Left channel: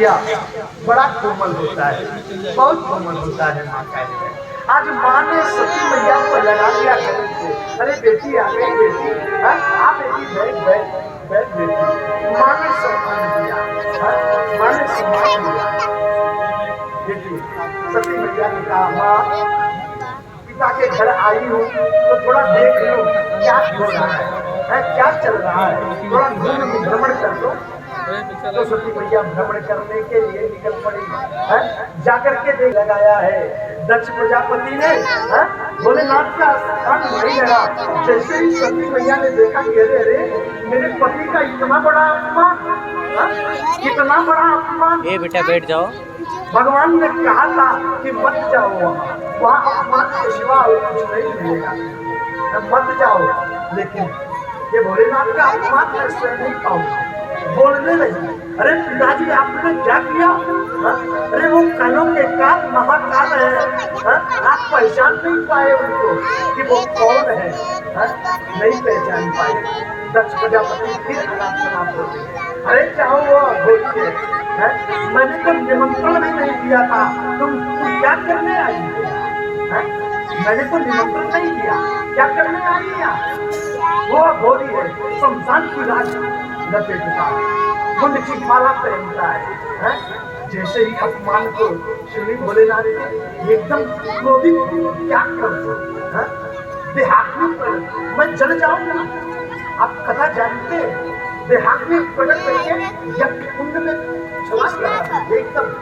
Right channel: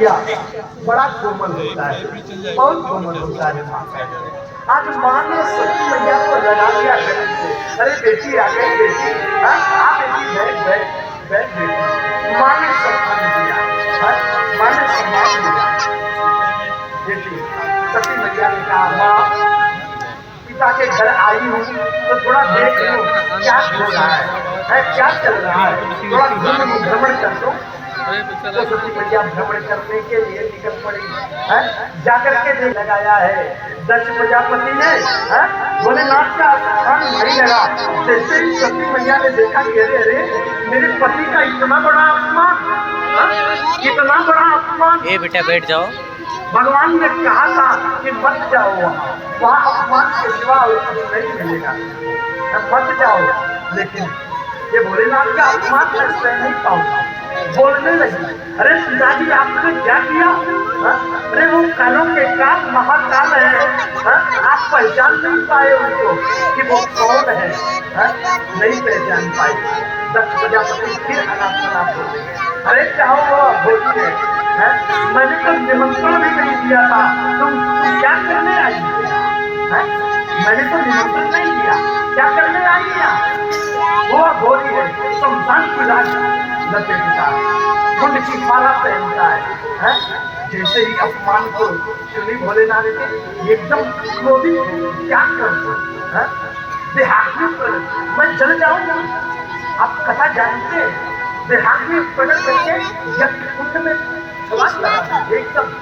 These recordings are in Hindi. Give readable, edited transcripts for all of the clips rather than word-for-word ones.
भैया बड़ा कोमल होता है, बहुत कोमल होता है माँ का हृदय। आज माँ ने सती मैया को लगा दिया गले से, अरे बेटी आ गई बेटी, हाँ बेटी बैठ बैठ बैठ बेटी। माँ ने सम्मान दिया, माँ ने सम्मान दिया। बेटी सती मैया ने कहा माँ पिता के घर आई हूँ तो थोड़ा देख लो क्या हो रहा है क्या चल रहा है, थोड़ा भ्रमण कर दो। तो सती मैया भ्रमण करने के लिए निकल पड़ी है, जाकर के देख लगाया है दक्ष प्रजापति ने, भोलेनाथ का स्थान नहीं लगा। जैसे ही सती मैया ने देखा कि अरे अरे मेरे पति का इतना बड़ा अपमान, इतना बड़ा अपमान, ए बेटा बैठ जाओ। भगवान ने कहा था कि मत जाओ, वहाँ अपमान के सिवा और कुछ नहीं मिलेगा, मत जाओ। लेकिन ये भोलेनाथ का अपमान मैं सहन नहीं पाऊंगा। बोलने लगी, अरे पिताजी आपने क्या किया? अरे वो कालों के काल महाकाल है, आप पहचान नहीं पाए उनको कि वो कौन है, नहीं पहचान पाए। दक्ष प्रजापति फिर अनाप हो गए, अरे चाहो वो बोलिए, मैंने तो निमंत्रण भी नहीं दिया था, तुम क्या करने आई है? मैंने तो निमंत्रण नहीं दिया, क्या करने आई है? वो बोली है शमशान की लाश लपेटता है, खुद की माला पहनता है? जैसे ही अपमान को सुनी भोलेनाथ ने एकदम क्रोधित, क्या कर दो देहात में मैं जल जाऊंगा। आप कथा जानते हैं, देहात में प्रकट करके यज्ञ कुंड में छलांग लगा दी, एकदम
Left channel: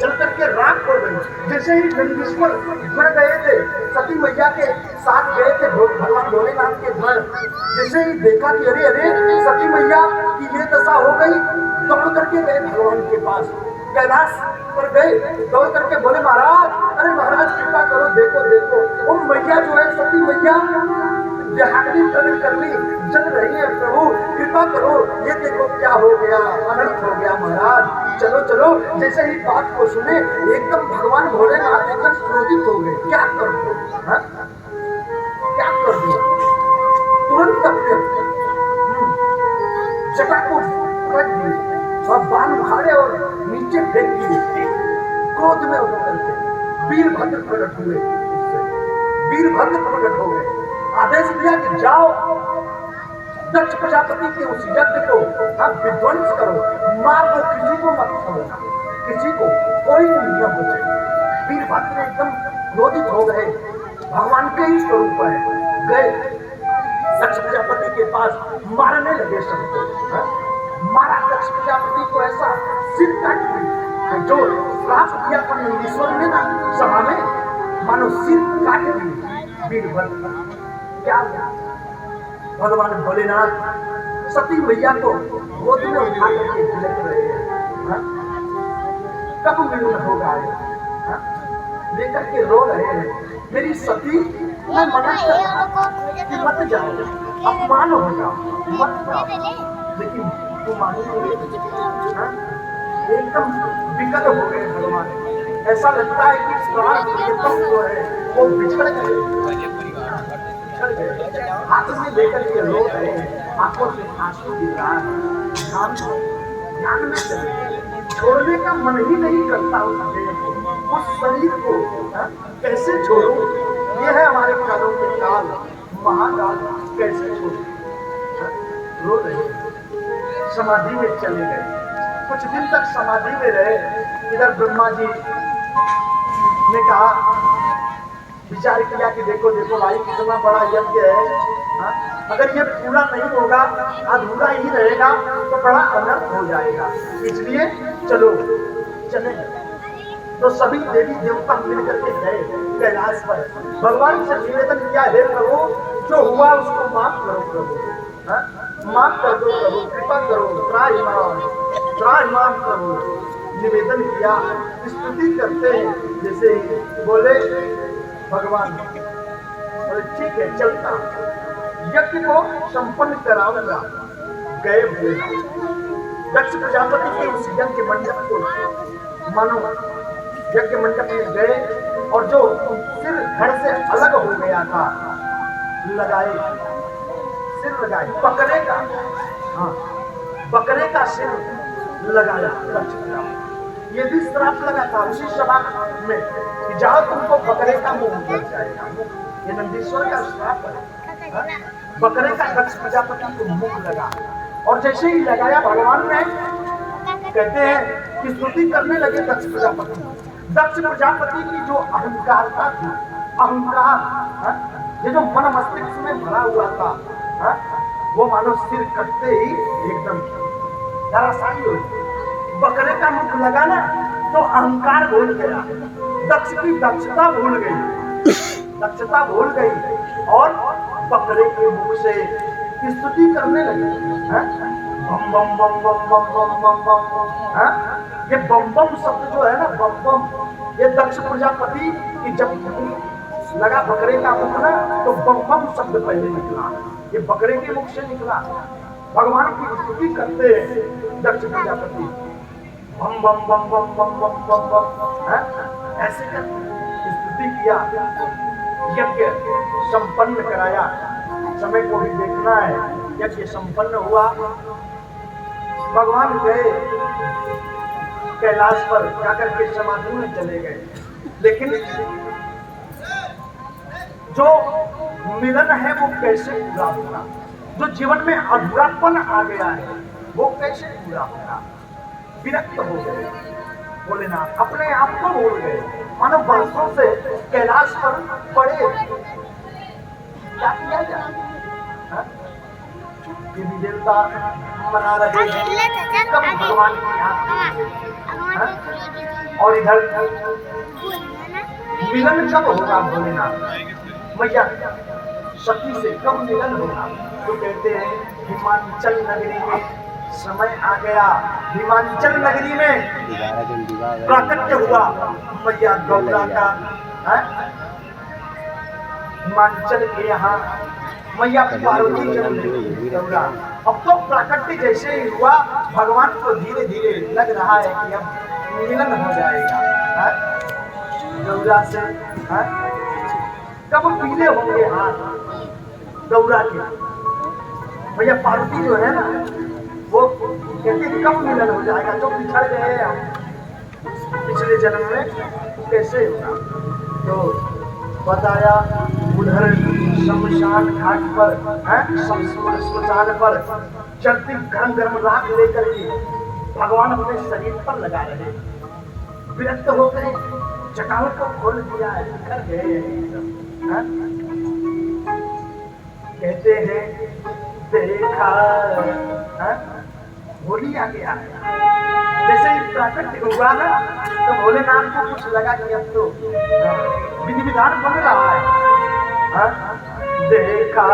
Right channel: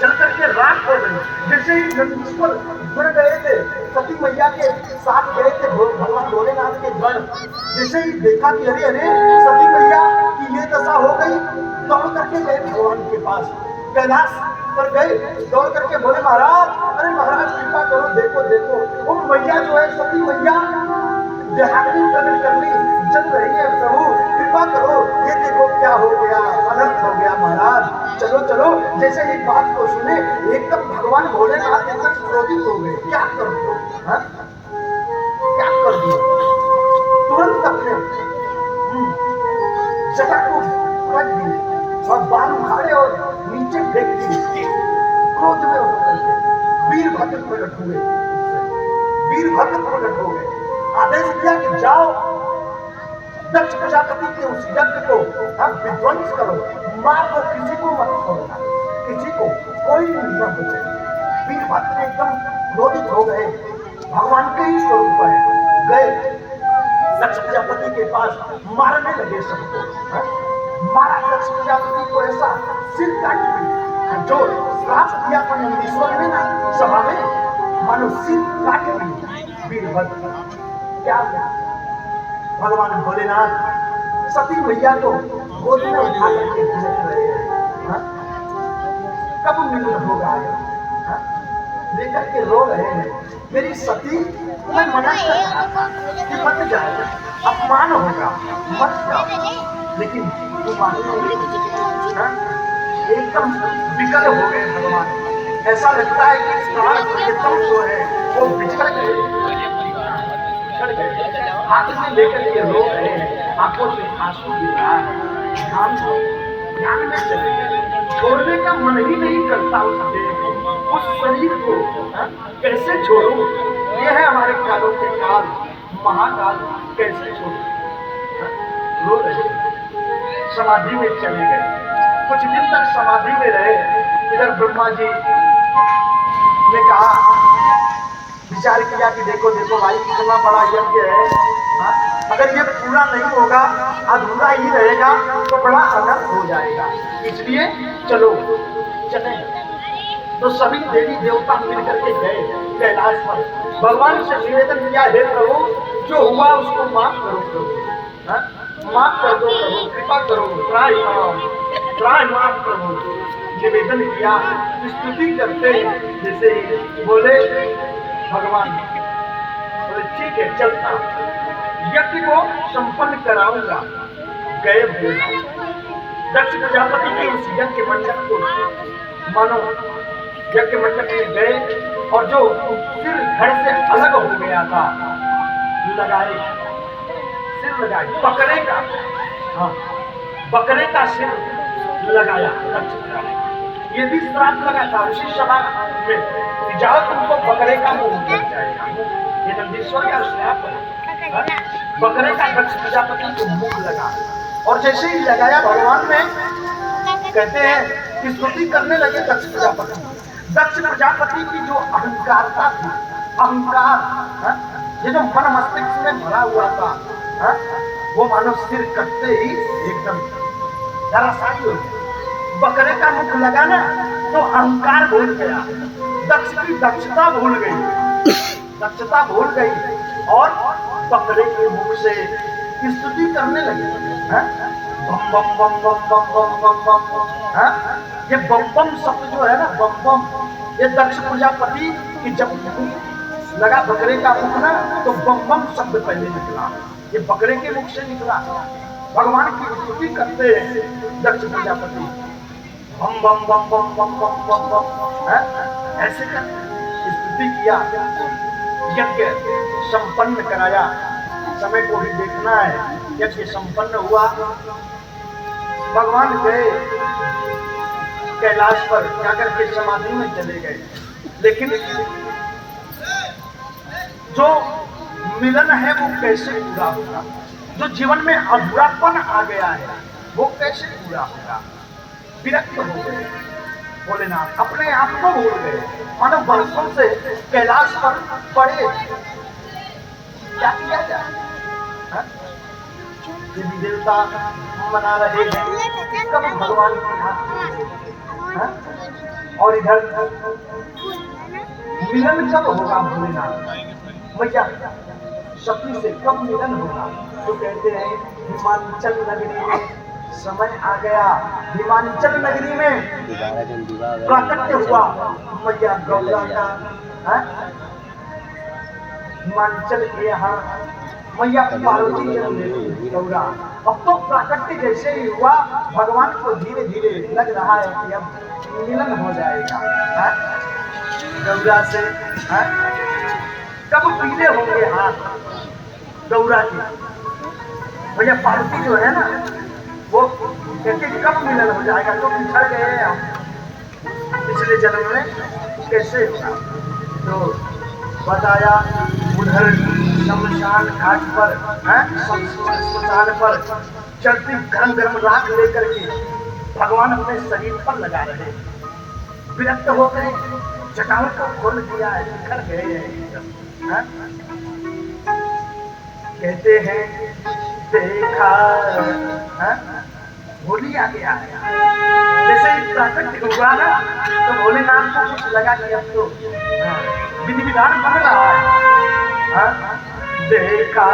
चल करके राख हो गई। जैसे ही नंदीश्वर घर गए थे, सती मैया के साथ गए थे भगवान भोलेनाथ के घर, जैसे ही देखा कि अरे अरे सती मैया की ये दशा हो गई, दौड़ करके गए भगवान के पास, कैलाश पर गए, दौड़ करके बोले महाराज, अरे महाराज कृपा करो, देखो देखो वो मैया जो है सती मैया देहात में प्रकट कर ली, जल रही है, प्रभु कृपा करो, ये देखो क्या हो गया, अनर्थ हो गया महाराज, चलो चलो। जैसे ही बात को सुने एकदम भगवान भोलेनाथ एकदम क्रोधित हो गए, क्या कर दो, क्या कर दिया? तुरंत अपने जटा को रख दिए और बाण उखाड़े और नीचे फेंक दिए। क्रोध में होकर के वीरभद्र प्रकट हुए, वीरभद्र प्रकट हो गए, आदेश दिया कि जाओ दक्ष प्रजापति के उस यज्ञ को आप विध्वंस करो, मार दो, किसी को मत छोड़ना, किसी को कोई नहीं बचे। वीरभद्र एकदम क्रोधित हो गए, भगवान के ही स्वरूप है, गए दक्ष प्रजापति के पास, मारने लगे सबको। मारा दक्ष प्रजापति को ऐसा सिर काट दी, जो श्राप दिया था नंदीश्वर ने ना सभा में, मानो सिर काट दी वीरभद्र। क्या भगवान भोलेनाथ सती मैया को गोद में उठा करके झिलक रहे हैं, कब मिलन होगा, लेकर के रो रहे हैं, मेरी सती मैं मना कर मत जाओ, अपमान होगा, मत जाओ। लेकिन तुम एकदम विकल हो गए भगवान, ऐसा लगता है कि प्राण जो है वो बिछड़ गए, हाथ में लेकर के रो रहे हैं, आंखों से आंसू गिर रहा है, ध्यान में चले गए, छोड़ने का मन ही नहीं करता उस देह को, उस शरीर को कैसे छोड़ो? ये है हमारे कालों के काल, महाकाल, कैसे छोड़ो? रो रहे, समाधि में चले गए, कुछ दिन तक समाधि में रहे। इधर ब्रह्मा जी ने कहा, विचार किया कि देखो देखो भाई कितना बड़ा यज्ञ है, अगर ये पूरा नहीं होगा, अधूरा ही रहेगा तो बड़ा अनर्थ हो जाएगा, इसलिए चलो चले। तो सभी देवी देवता मिलकर के गए कैलाश पर, भगवान से निवेदन किया, हे प्रभु जो हुआ उसको माफ करो प्रभु, माफ कर दो प्रभु, कृपा करो, त्राहिमाम करो। निवेदन किया, स्तुति करते हैं, जैसे ही बोले भगवान, बोले ठीक है चलता, यज्ञ को संपन्न कराऊंगा। गए दक्ष प्रजापति के इस यज्ञ मंडप को, मानो यज्ञ मंडप में गए और जो सिर धड़ से अलग हो गया था लगाए, सिर लगाए, बकरे का, हाँ बकरे का सिर लगाया दक्ष प्रजापति। ये भी श्राप लगा था उसी सभा में कि जाओ तुमको बकरे का मुंह लग जाएगा। ये नंदीश्वर का श्राप है। बकरे का दक्ष प्रजापति को मुंह लगा और जैसे ही लगाया भगवान ने कहते हैं कि स्तुति करने लगे दक्ष प्रजापति। दक्ष प्रजापति की जो अहंकारता थी, अहंकार ये जो मन मस्तिष्क में भरा हुआ था, वो मानो सिर कटते ही एकदम धराशायी हो गया। बकरे का मुख लगा ना तो अहंकार भूल गया, दक्ष की दक्षता भूल गई, दक्षता भूल गई और बकरे के मुख से स्तुति करने लगे। बम बम बम बम बम बम बम बम। ये बम बम शब्द जो है ना, बम बम, ये दक्ष प्रजापति की जब लगा बकरे का मुख ना तो बम बम शब्द पहले निकला, ये बकरे के मुख से निकला। भगवान की स्तुति करते हैं दक्ष प्रजापति, बम बम बम बम बम बम बम बम, ऐसे करके स्तुति किया, यज्ञ संपन्न कराया। समय को भी देखना है, यज्ञ संपन्न हुआ। भगवान गए कैलाश पर, जाकर के समाधि में चले गए। लेकिन जो मिलन है वो कैसे पूरा होगा, जो जीवन में अधूरापन आ गया है वो कैसे पूरा होगा। विरक्त हो गए भोलेनाथ, अपने आप को भूल गए, और वर्षों से कैलाश पर पड़े। क्या किया जाए, देवी देवता मना रहे हैं कब भगवान की यहाँ, और इधर मिलन कब होगा भोलेनाथ मैया सती से, कब मिलन होगा। तो कहते हैं हिमाचल नगरी में समय आ गया, हिमाचल नगरी में प्राकट्य हुआ मैया गौरा का। हिमाचल के यहाँ मैया पार्वती जन्म लेती गौरा। अब तो प्राकट्य जैसे ही हुआ, भगवान को धीरे धीरे लग रहा है कि अब मिलन हो जाएगा गौरा से। कब पीले होंगे हाथ गौरा के, भैया पार्वती जो है ना वो कहती कब मिलन हो जाएगा, तो पिछड़ गए हम पिछले जन्म में कैसे हुआ। तो बताया उधर शमशान घाट पर, शमशान पर चलती गरम गरम राख लेकर के भगवान अपने शरीर पर लगा रहे, विरक्त हो गए, जटाओं को खोल दिया है, बिखर गए हैं। कहते हैं देखा होली आ गया, जैसे ही प्राकट्य हुआ ना तो भोलेनाथ को कुछ लगा कि अब तो विधि विधान बन रहा है। देखा